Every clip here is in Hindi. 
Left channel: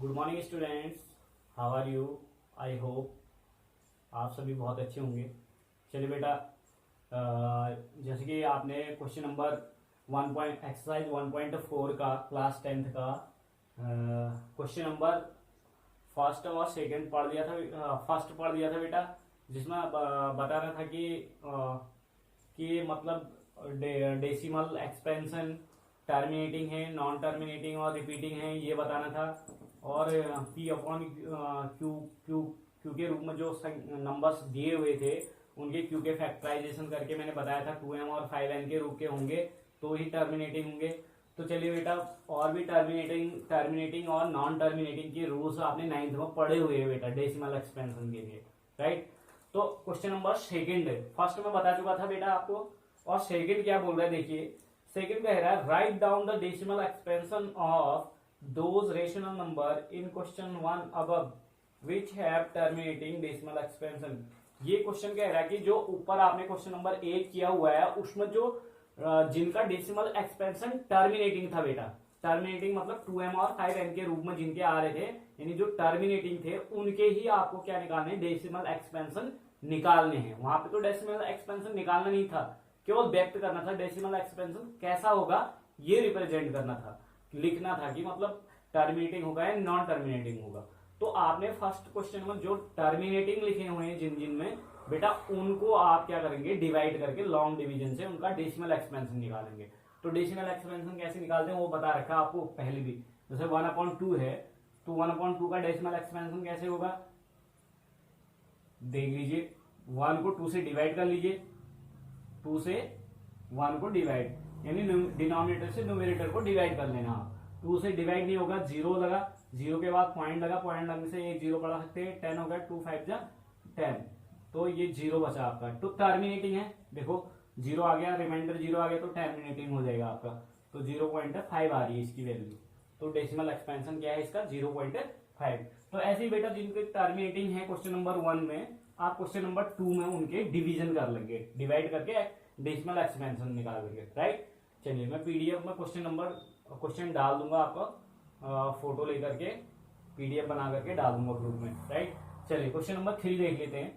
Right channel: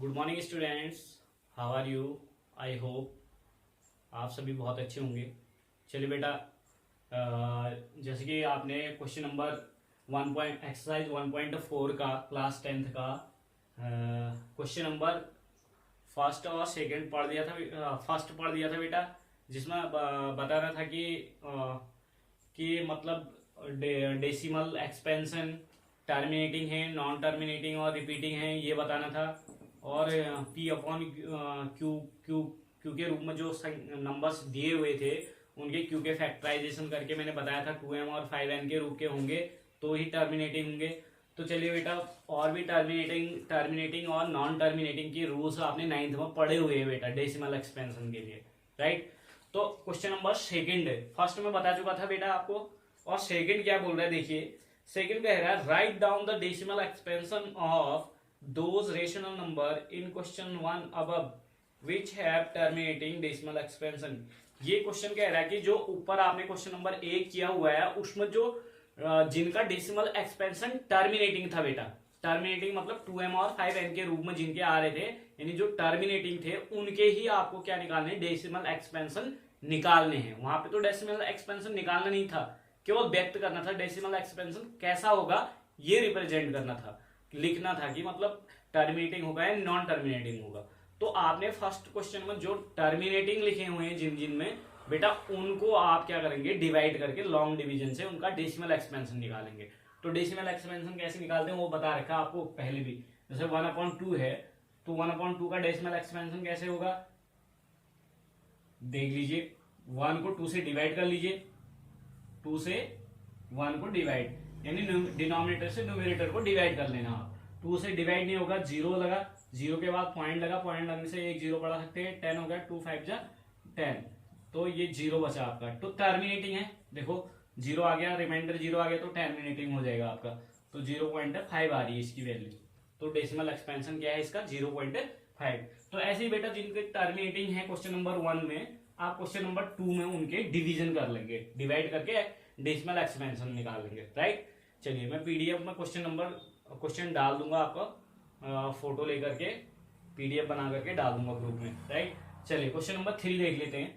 Good morning students, how are you. I hope आप सभी बहुत अच्छे होंगे। चलिए बेटा, जैसे कि आपने क्वेश्चन नंबर एक्सरसाइज 1.4 का क्लास 10th का क्वेश्चन नंबर फर्स्ट और सेकंड पढ़ दिया था। फर्स्ट पढ़ दिया था बेटा, जिसमें बता रहा था कि मतलब डेसिमल एक्सपेंशन टर्मिनेटिंग है, नॉन टर्मिनेटिंग और रिपीटिंग है, ये बताना था। और P upon Q Q Q के रूप में जो नंबर्स दिए हुए थे उनके क्यू के फैक्टराइजेशन करके मैंने बताया था 2m और 5n के रूप के होंगे तो ही टर्मिनेटिंग होंगे। तो चलिए बेटा, और भी टर्मिनेटिंग और नॉन टर्मिनेटिंग के रूल्स आपने 9th में पढ़े हुए हैं बेटा डेसिमल एक्सपेंशन के लिए, राइट। तो क्वेश्चन नंबर सेकंड, फर्स्ट में बता चुका था बेटा आपको, और सेकंड क्या बोल रहा है देखिए। सेकंड कह रहा है write down the decimal expansion of those rational number in question 1 above which have terminating decimal expansion। ये क्वेश्चन कह रहा है कि जो ऊपर आपने क्वेश्चन नंबर 1 किया हुआ है उसमें जो जिनका डेसिमल एक्सपेंशन टर्मिनेटिंग था बेटा, टर्मिनेटिंग मतलब 2m और 5n के रूप में जिनके आ रहे थे, यानी जो टर्मिनेटिंग थे उनके ही आपको क्या निकालने, डेसिमल एक्सपेंशन निकालने हैं। वहां पे तो डेसिमल एक्सपेंशन निकालना नहीं था, केवल व्यक्त करना था डेसिमल एक्सपेंशन कैसा होगा ये रिप्रेजेंट करना था, लिखना था कि मतलब टर्मिनेटिंग होगा या नॉन टर्मिनेटिंग होगा। तो आपने फर्स्ट क्वेश्चन में जो टर्मिनेटिंग लिखे हुए हैं जिन जिन में बेटा, उनको आप क्या करेंगे, डिवाइड करके लॉन्ग डिवीजन से उनका डेसिमल एक्सपेंशन निकालेंगे। तो डेसिमल एक्सपेंशन कैसे निकालते हैं वो बता रखा आपको पहले भी। जैसे 1/2 है तो 1/2 का डेसिमल एक्सपेंशन कैसे होगा, देख लीजिए। 1 को 2 से डिवाइड कर लीजिए, 2 से 1 को डिवाइड, यानी डिनोमिनेटर से न्यूमरेटर को डिवाइड कर लेना आप। 2 से डिवाइड नहीं होगा, 0 लगा, 0 के बाद पॉइंट लगा, पॉइंट लगने से एक 0 बढ़ा सकते हैं, 10 हो गया, 2 5 जा 10, तो ये 0 बचा आपका। तो टर्मिनेटिंग है, देखो 0 आ गया, रिमाइंडर 0 आ गया तो टर्मिनेटिंग हो जाएगा आपका। तो 0.5 आ रही है इसकी वैल्यू, तो डेसिमल एक्सपेंशन क्या है इसका 0.5। तो ऐसे ही बेटा जिनके टर्मिनेटिंग है क्वेश्चन नंबर 1 में, आप क्वेश्चन नंबर 2 में उनके डिवीजन कर लेंगे, डिवाइड करके डेसिमल एक्सपेंशन निकाल लेंगे, राइट। चलिए मैं पीडीएफ में क्वेश्चन डाल दूंगा आपका, फोटो लेकर के पीडीएफ बना करके डाल दूंगा ग्रुप में, राइट। चलिए क्वेश्चन नंबर 3 देख लेते हैं।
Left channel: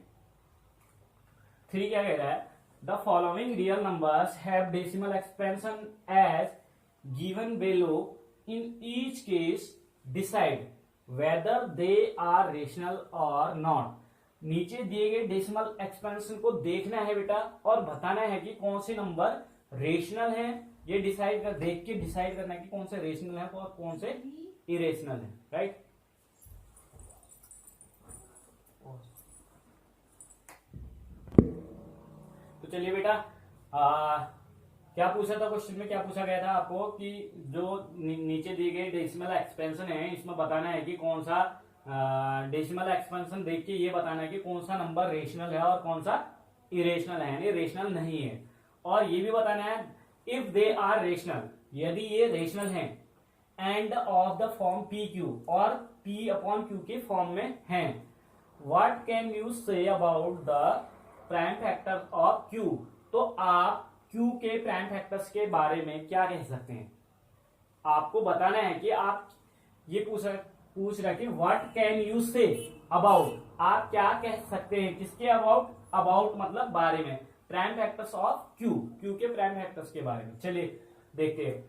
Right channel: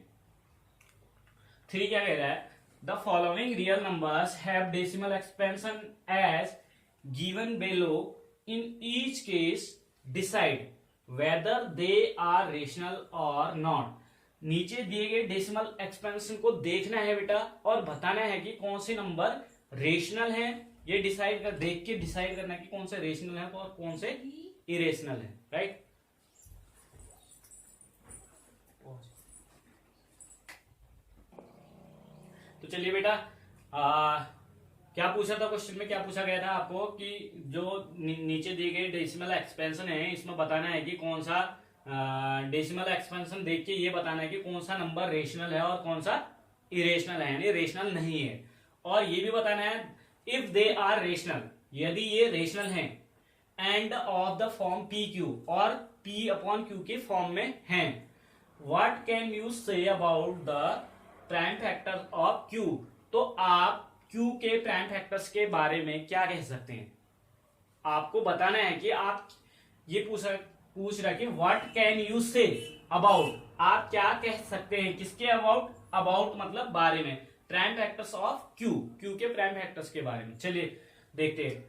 3 क्या कह रहा है, the following real numbers have decimal expansion as given below, in each case decide whether they are rational और नॉट। नीचे दिए गए डेसिमल एक्सपेंशन को देखना है बेटा और बताना है कि कौन से नंबर रेशनल है, ये देख के डिसाइड करना है कि कौन से रेशनल है और कौन से इरेशनल है, राइट। तो चलिए बेटा, क्या पूछा था क्वेश्चन में, क्या पूछा गया था आपको कि जो नीचे दिए गए डेसिमल एक्सपेंशन है इसमें बताना है कि कौन सा डेसिमल एक्सपेंशन देख के ये बताना है कि कौन सा नंबर रेशनल है और कौन सा इरेशनल है, यानी रेशनल नहीं है। और ये भी बताना है इफ दे आर रेशनल, यदि ये रेशनल हैं, end of the form P Q, और पी अपॉन क्यू के फॉर्म में हैं, what can you say about the prime factor of Q. तो आप क्यू के प्राइम फैक्टर्स के बारे में क्या कह सकते हैं, आपको बताना है कि आप ये पूछ रहा है कि what can you say about, आप क्या कह सकते हैं किसके अबाउट, अबाउट मतलब बारे में, prime factors of Q, Q के प्राइम फैक्टर्स के बारे में। चलिए देखते हैं।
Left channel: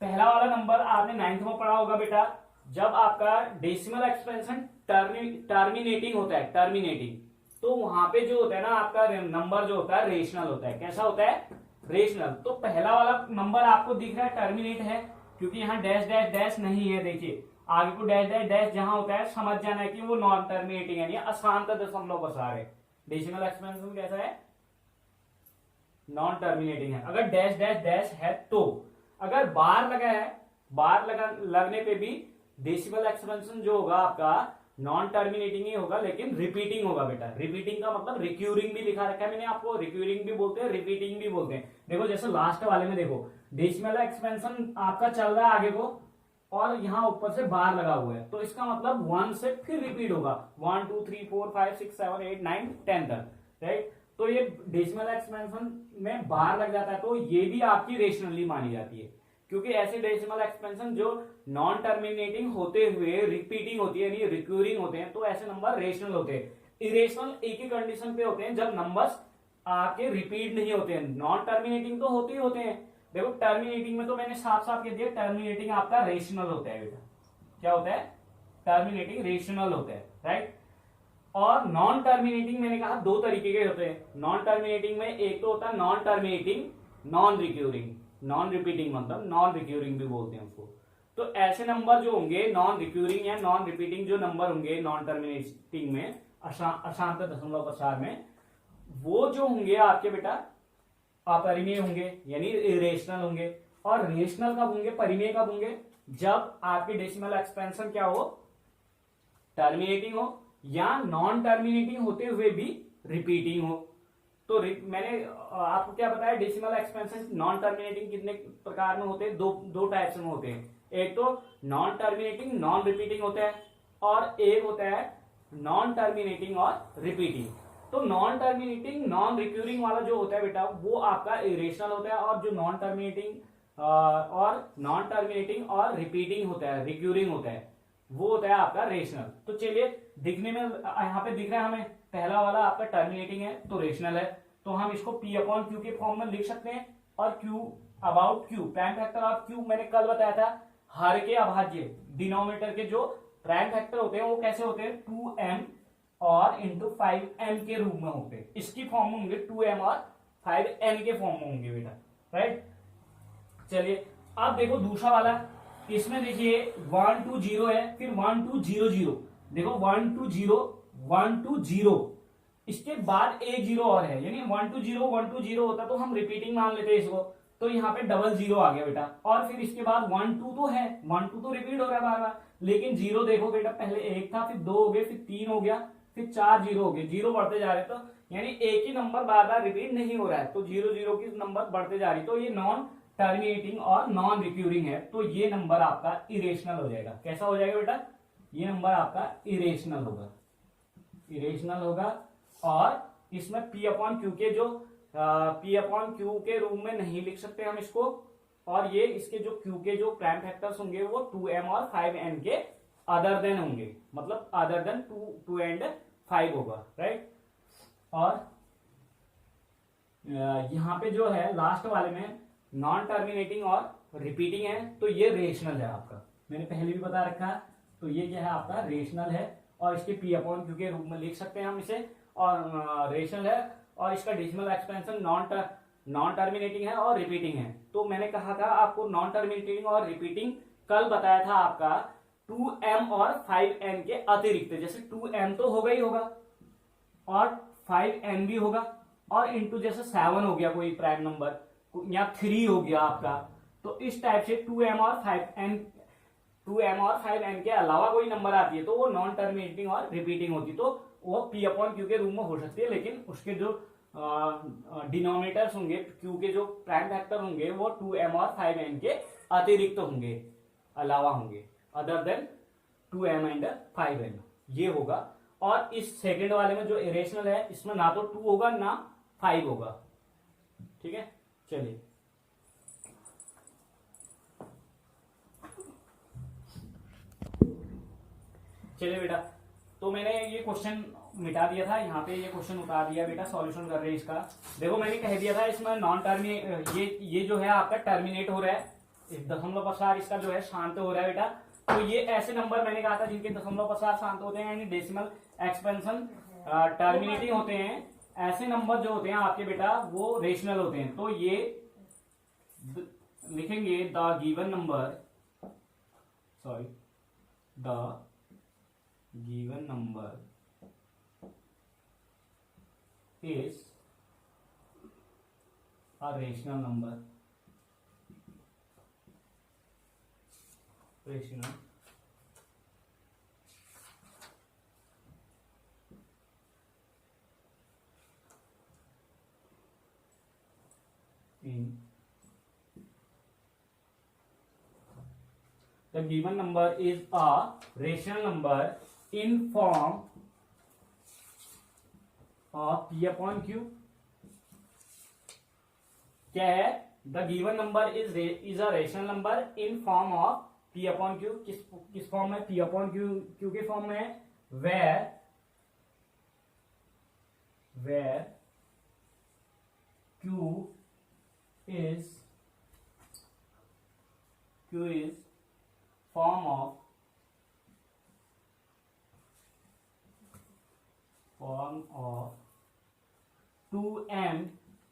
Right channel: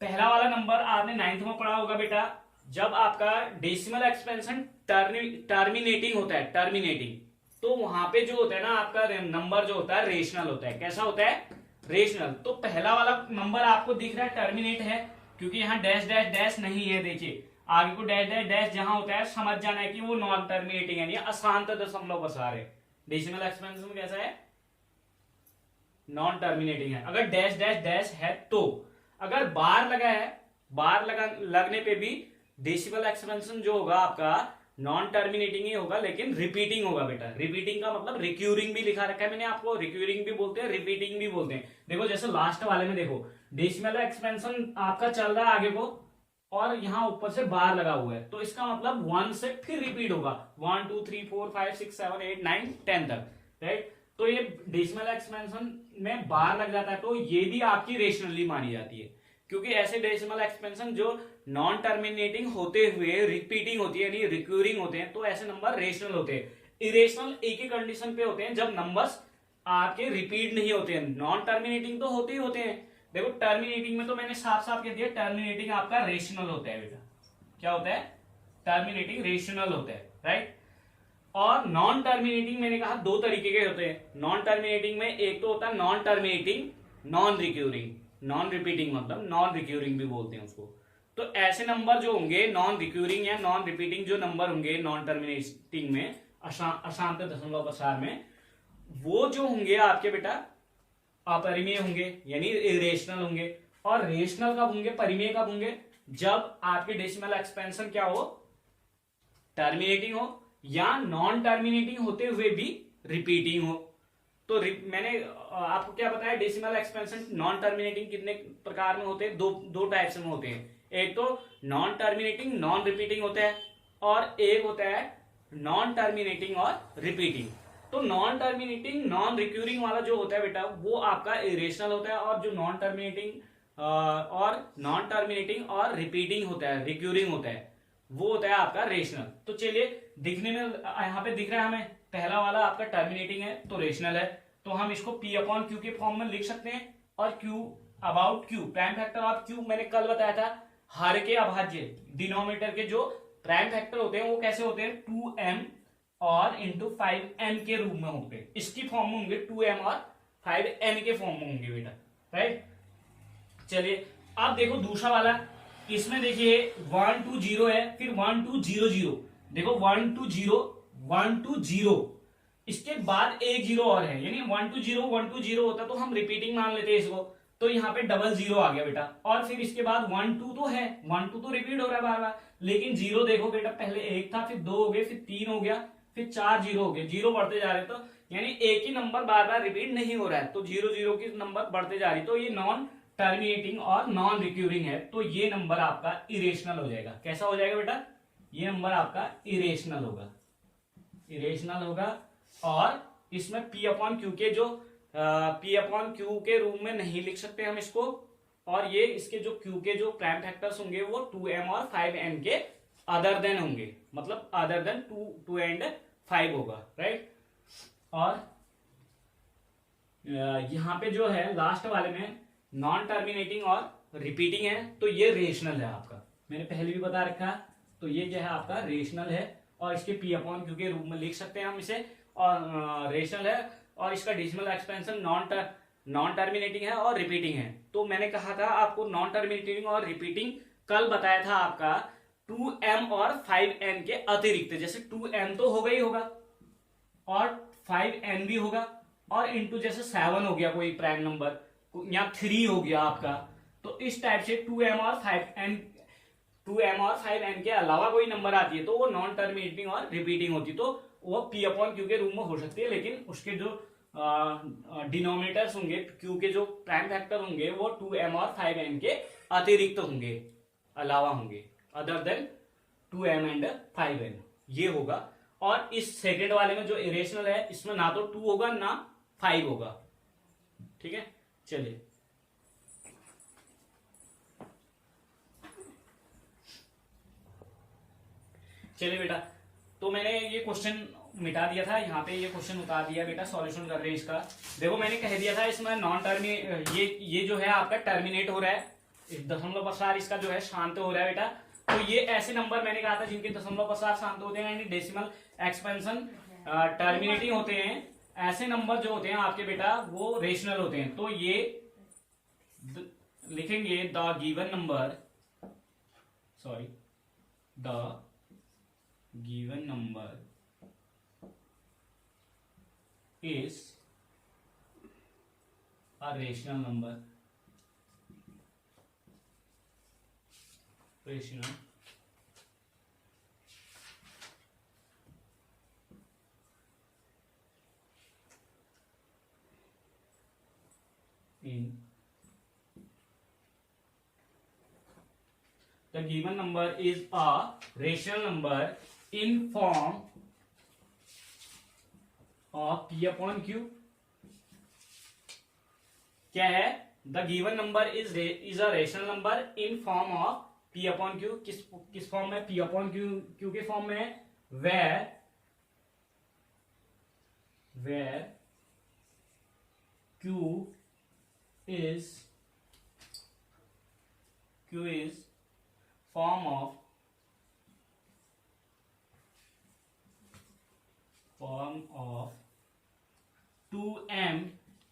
पहला वाला नंबर आपने 9th में पढ़ा होगा बेटा, जब आपका डेसिमल एक्सपेंशन टर्मिनेटिंग होता है, टर्मिनेटिंग, तो वहां पे जो होता है ना आपका नंबर जो होता है रेशनल होता है। कैसा होता है, रेशनल। तो पहला वाला नंबर आपको दिख रहा है टर्मिनेट है, क्योंकि यहाँ डैश डैश डैश नहीं है, देखिए आगे को डैश डैश डैश जहां होता है समझ जाना है कि वो नॉन टर्मिनेटिंग है, अशांत दशमलव बसा रहे। डेसिमल एक्सपेंशन कैसा है, नॉन टर्मिनेटिंग है। अगर डैश डैश डैश है तो, अगर बार लगा है, लगने पे भी डेसिमल एक्सपेंशन जो होगा आपका नॉन टर्मिनेटिंग ही होगा, लेकिन रिपीटिंग होगा बेटा। रिपीटिंग का मतलब रिक्यूरिंग भी लिखा रखा है मैंने आपको, रिक्यूरिंग भी बोलते हैं, रिपीटिंग भी बोलते हैं। देखो जैसे लास्ट वाले में देखो डेसिमल एक्सपेंशन आपका चल रहा है आगे को, और यहां ऊपर से बार लगा हुआ है, तो इसका मतलब 1 से फिर रिपीट होगा 1 2 3 4 5 6 7 8 9 10 तक, राइट। तो ये डेसिमल एक्सपेंशन में बार लग जाता है, तो ये भी आपकी रेशनली मानी जाती है, क्योंकि ऐसे डेसिमल एक्सपेंशन जो नॉन टर्मिनेटिंग होते हुए रिपीटिंग होती है यानी रिक्यूरिंग होते हैं, तो ऐसे नंबर रेशनल होते हैं। इरेशनल एक ही कंडीशन पे होते हैं, जब नंबर्स आपके रिपीट नहीं होते हैं। नॉन टर्मिनेटिंग तो होते ही होते हैं। देखो टर्मिनेटिंग में तो मैंने साफ साफ कह दिया, टर्मिनेटिंग आपका रेशनल होता है बेटा। क्या होता है? टर्मिनेटिंग रेशनल होता है, राइट। और नॉन टर्मिनेटिंग मैंने कहा दो तरीके के होते हैं। नॉन टर्मिनेटिंग में एक तो होता है non terminating non recurring, non repeating मतलब नॉन रिक्यूरिंग भी बोलते हैं उसको। तो ऐसे नंबर जो होंगे नॉन रिक्यूरिंग या नॉन रिपीटिंग जो नंबर होंगे नॉन टर्मिनेटिंग में, अशांत दशमलव प्रसार में, वो जो होंगे आपके बेटा अपरिमेय होंगे यानी इरेशनल होंगे। और रेशनल कब होंगे, परिमेय कब होंगे? जब आपके डेसिमल एक्सपेंशन क्या हो, टर्मिनेटिंग हो या नॉन टर्मिनेटिंग होते हुए भी रिपीटिंग हो। तो मैंने आपको क्या बताया, डेसिमल एक्सपेंशन नॉन टर्मिनेटिंग कितने प्रकार में होते हैं? दो टाइप्स में होते हैं। एक तो नॉन टर्मिनेटिंग नॉन रिपीटिंग होता है और एक होता है नॉन टर्मिनेटिंग और रिपीटिंग। तो नॉन टर्मिनेटिंग नॉन रिक्यूरिंग वाला जो होता है बेटा वो आपका इरेशनल होता है, और जो नॉन टर्मिनेटिंग और रिपीटिंग होता है, रिक्यूरिंग होता है, वो होता है आपका रेशनल। तो चलिए दिखने में यहाँ पे दिख रहा है हमें, पहला वाला आपका टर्मिनेटिंग है तो रेशनल है, तो हम इसको P अपॉन क्यू के फॉर्म में लिख सकते हैं। और Q about Q, prime factor of Q मैंने कल बताया था, हर के अभाज्य डिनोमिनेटर के जो प्राइम फैक्टर होते हैं वो कैसे होते हैं, 2m और इंटू 5m के रूप में होंगे। इसकी फॉर्म में होंगे 2m और 5n के फॉर्म में होंगे बेटा, राइट। चलिए अब देखो दूसरा वाला, इसमें देखिए 1 2 0 है, फिर 1 2 0 0, देखो 1 2 0 1 2 0, इसके बाद एक जीरो और है, यानी 1 2 0 1 2 0 होता तो हम रिपीटिंग मान लेते इसको, तो यहाँ पे डबल जीरो आ गया बेटा। और फिर इसके बाद 1 2 तो है, 1 2 तो रिपीट हो रहा है बार बार, लेकिन जीरो देखो बेटा, पहले एक था, फिर दो हो गए, फिर तीन हो गया, फिर चार जीरो हो गए, जीरो बढ़ते जा रहे, तो यानी एक ही नंबर बार बार रिपीट नहीं हो रहा है, तो जीरो जीरो की नंबर बढ़ते जा रही, तो ये नॉन टर्मिनेटिंग और नॉन रिक्यूरिंग है, तो ये नंबर आपका इरेशनल हो जाएगा। कैसा हो जाएगा बेटा? ये नंबर आपका इरेशनल होगा, इरेशनल होगा। और इसमें P अपॉन क्यू के जो P अपॉन क्यू के रूप में नहीं लिख सकते हम इसको, और ये इसके जो Q के जो प्राइम फैक्टर्स होंगे वो 2m और 5n के अदर देन होंगे, मतलब अदर देन 2 एंड 5 होगा, राइट। और यहाँ पे जो है लास्ट वाले में नॉन टर्मिनेटिंग और रिपीटिंग है, तो ये रेशनल है आपका, मैंने पहले भी बता रखा, तो ये क्या है आपका रेशनल है, और इसके P अपॉन क्यू के रूप में लिख सकते हैं हम इसे, और रेशनल है, और इसका डेसिमल एक्सपेंशन नॉन टर्मिनेटिंग है और रिपीटिंग है। तो मैंने कहा था आपको नॉन टर्मिनेटिंग और रिपीटिंग कल बताया था आपका 2m और 5n के अतिरिक्त, जैसे 2m तो होगा ही होगा और 5n भी होगा, और इंटू जैसे 7 हो गया कोई प्राइम नंबर, या 3 हो गया आपका, तो इस टाइप से 2m और 5n के अलावा कोई नंबर आती है तो वो नॉन टर्मिनेटिंग और रिपीटिंग होती, तो वो P अपॉन क्यू के रूप में हो सकती है, लेकिन उसके जो डिनोमिनेटर्स होंगे, क्यू के जो प्राइम फैक्टर होंगे वो 2m और 5n के अतिरिक्त होंगे, अलावा होंगे, other than 2m and 5n, ये होगा। और इस सेकेंड वाले में जो इरेशनल है इसमें ना तो 2 होगा ना 5 होगा, ठीक है। चलिए चलिए बेटा, तो मैंने ये क्वेश्चन मिटा दिया था, यहाँ पे ये क्वेश्चन उतार दिया बेटा, सॉल्यूशन कर रहे हैं इसका। देखो मैंने कह दिया था इसमें नॉन टर्मिनेट, ये जो है आपका टर्मिनेट हो रहा है, दशमलव प्रसार इसका जो है शांत हो रहा है बेटा। तो ये ऐसे नंबर मैंने कहा था जिनके दशमलव प्रसार शांत होते हैं, यानी डेसिमल एक्सपेंशन टर्मिनेटिंग होते हैं, ऐसे नंबर जो होते हैं आपके बेटा वो रेशनल होते हैं। तो ये लिखेंगे the given number, sorry the given number is a rational number, rational in the given number is a rational number in form of P upon Q। क्या है? The given number is a rational number in form of P upon Q किस फॉर्म में, P अपॉन क्यू के फॉर्म में है, where Q is form of 2m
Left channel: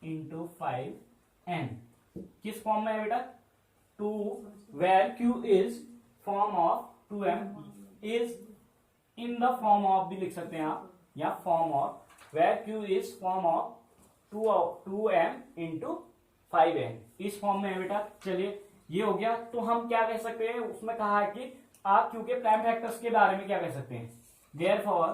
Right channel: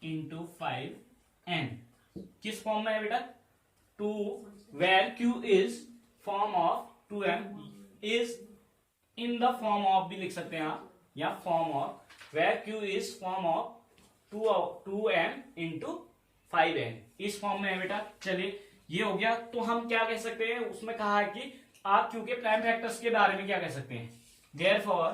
into 5n। किस फॉर्म में है बेटा, where Q is form of 2m is in the form of भी लिख सकते हैं आप, या form of where Q is form of 2m into 5n, इस फॉर्म में है बेटा। चलिए ये हो गया। तो हम क्या कह सकते हैं, उसमें कहा है कि आप Q के प्राइम फैक्टर्स के बारे में क्या कह सकते हैं, therefore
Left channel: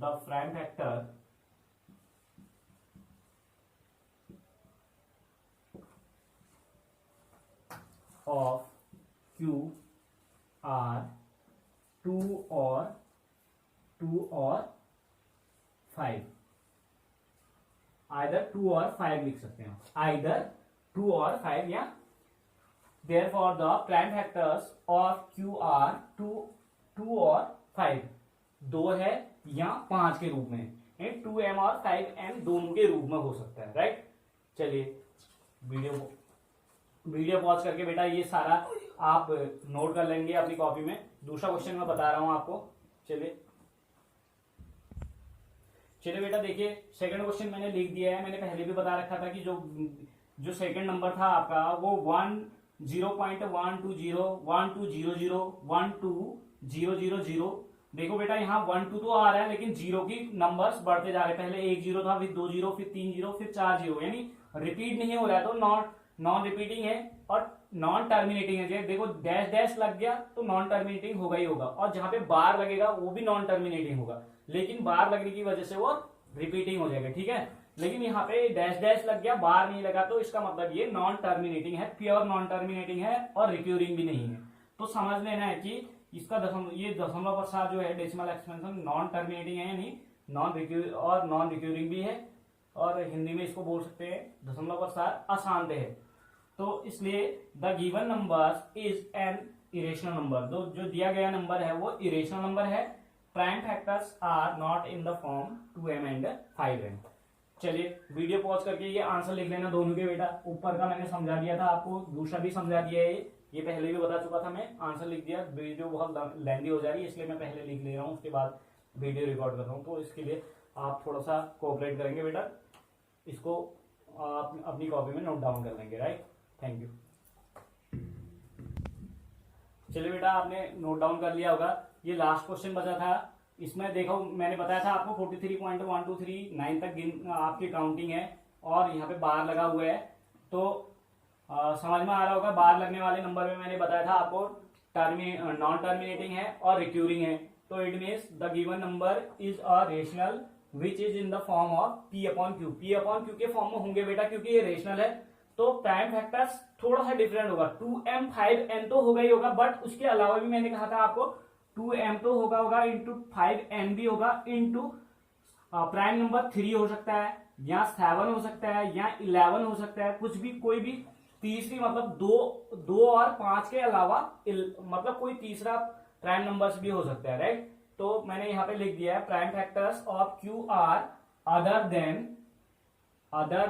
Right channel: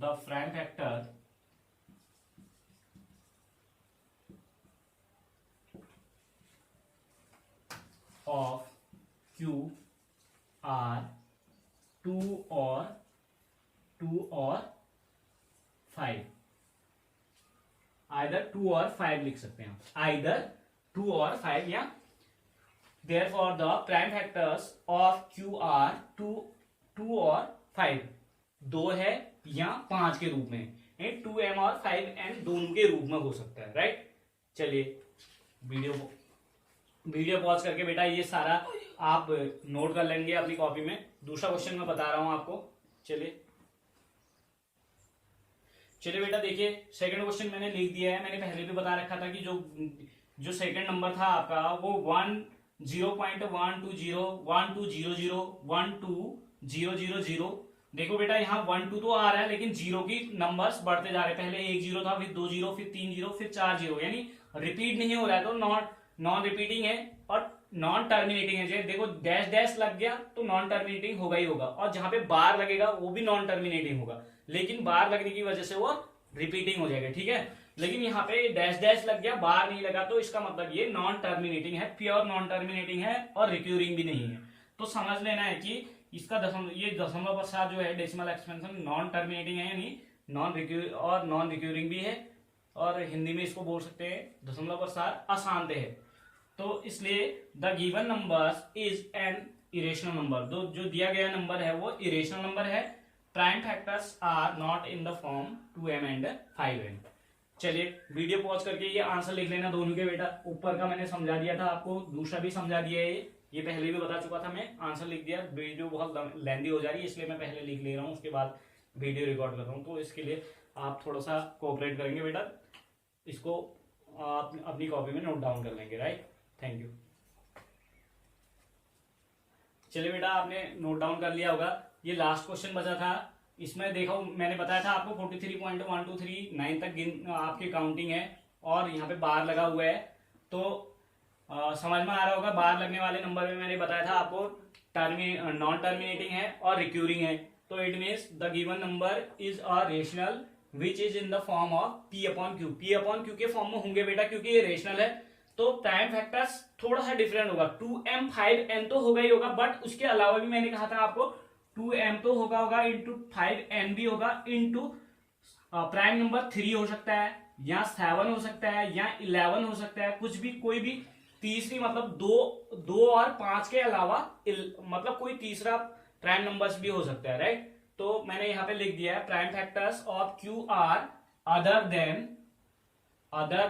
the prime factor of Q are 2 और 5, आइदर 2 और 5 लिख सकते हैं, आइदर 2 और 5, या therefore the prime factors of Q are 2 और 5, 2 है या 5 के रूप में, 2m और 5n दोनों के रूप में हो सकता है, राइट। चलिए वीडियो पॉज करके बेटा ये सारा आप नोट कर लेंगे अपनी कॉपी में। दूसरा क्वेश्चन मैं बता रहा हूं आपको। चलिए बेटा देखिए, सेकंड क्वेश्चन मैंने लिख दिया है। मैंने पहले भी बता रखा था कि जो सेकंड नंबर था आपका वो 10.120 देखो बेटा यहाँ 1 2 तो आ रहा है, लेकिन जीरो की नंबर्स बढ़ते जा रहे हैं। पहले 1 0 था, फिर 2 0, फिर 3 0, फिर 4 0, यानी रिपीट नहीं हो रहा है, तो नॉन रिपीटिंग है और नॉन टर्मिनेटिंग है। देखो डैश डैश लग गया तो नॉन टर्मिनेटिंग होगा ही होगा, और जहां पे बार लगेगा वो भी नॉन टर्मिनेटिंग होगा, लेकिन बार लगने की वजह से वो रिपीटिंग हो जाएगा, ठीक है। लेकिन यहाँ पे डैश डैश लग गया, बार नहीं लगा, तो इसका मतलब ये नॉन टर्मिनेटिंग है, प्योर नॉन टर्मिनेटिंग है और रिक्यूरिंग भी नहीं है। तो समझ लेना है कि इसका दशमलव प्रसाद जो है डेसिमल एक्सपेंशन नॉन टर्मिनेटिंग है, यानी नॉन रिक्यूरिंग भी है, और हिंदी में इसको बोल सकते हैं दशमलव प्रसाद अशांत है। तो इसलिए the given number is an irrational number, जो दिया गया नंबर है वो इरेशनल नंबर है। Prime factors are not in the form 2m and 5n। चलिए वीडियो पॉज करके ये आंसर लिख लेना दोनों के बेटा। ऊपर का मैंने समझा दिया था आपको, दूसरा भी समझा दिया है, ये पहले भी बता चुका था मैं, आंसर लिख दिया। वीडियो बहुत लेंदी हो जा रही है इसलिए मैं पहले लिख ले रहा हूँ, उसके बाद वीडियो रिकॉर्ड कर रहा हूँ। तो इसके लिए आप थोड़ा सा कोऑपरेट करेंगे बेटा, इसको आप अपनी कॉपी में नोट डाउन कर लेंगे, राइट। Thank you. चलिए बेटा आपने नोट डाउन कर लिया होगा। ये लास्ट क्वेश्चन बचा था, इसमें देखो मैंने बताया था आपको 43.123 तक आपकी काउंटिंग है, और यहाँ पे बार लगा हुआ है। तो समझ में आ रहा होगा, बार लगने वाले नंबर में मैंने बताया था आपको नॉन टर्मिनेटिंग है और रिक्यूरिंग है। तो it means the given number is a rational which is in the form of P upon Q. P upon Q के फॉर्म में होंगे बेटा, क्योंकि ये रेशनल है। तो प्राइम फैक्टर्स थोड़ा सा डिफरेंट होगा, 2m 5n तो होगा ही होगा, बट उसके अलावा भी मैंने कहा था आपको 2m तो होगा इंटू 5n भी होगा, इंटू प्राइम नंबर 3 हो सकता है, या 7 हो सकता है, या 11 हो सकता है, कुछ भी, कोई भी तीसरी, मतलब 2 और 5 के अलावा मतलब कोई तीसरा प्राइम नंबर्स भी हो सकता है, राइट। तो मैंने यहाँ पे लिख दिया है prime factors of Q R other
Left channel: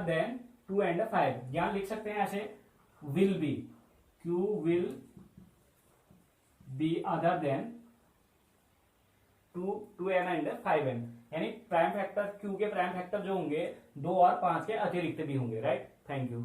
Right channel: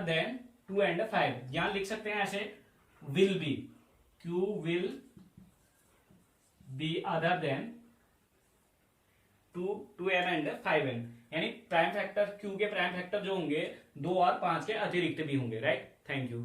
than 2 and 5। यहां लिख सकते हैं ऐसे, will be, Q will be other than 2m and 5n, यानी प्राइम फैक्टर क्यू के प्राइम फैक्टर जो होंगे 2 और 5 के अतिरिक्त भी होंगे, राइट। Thank you.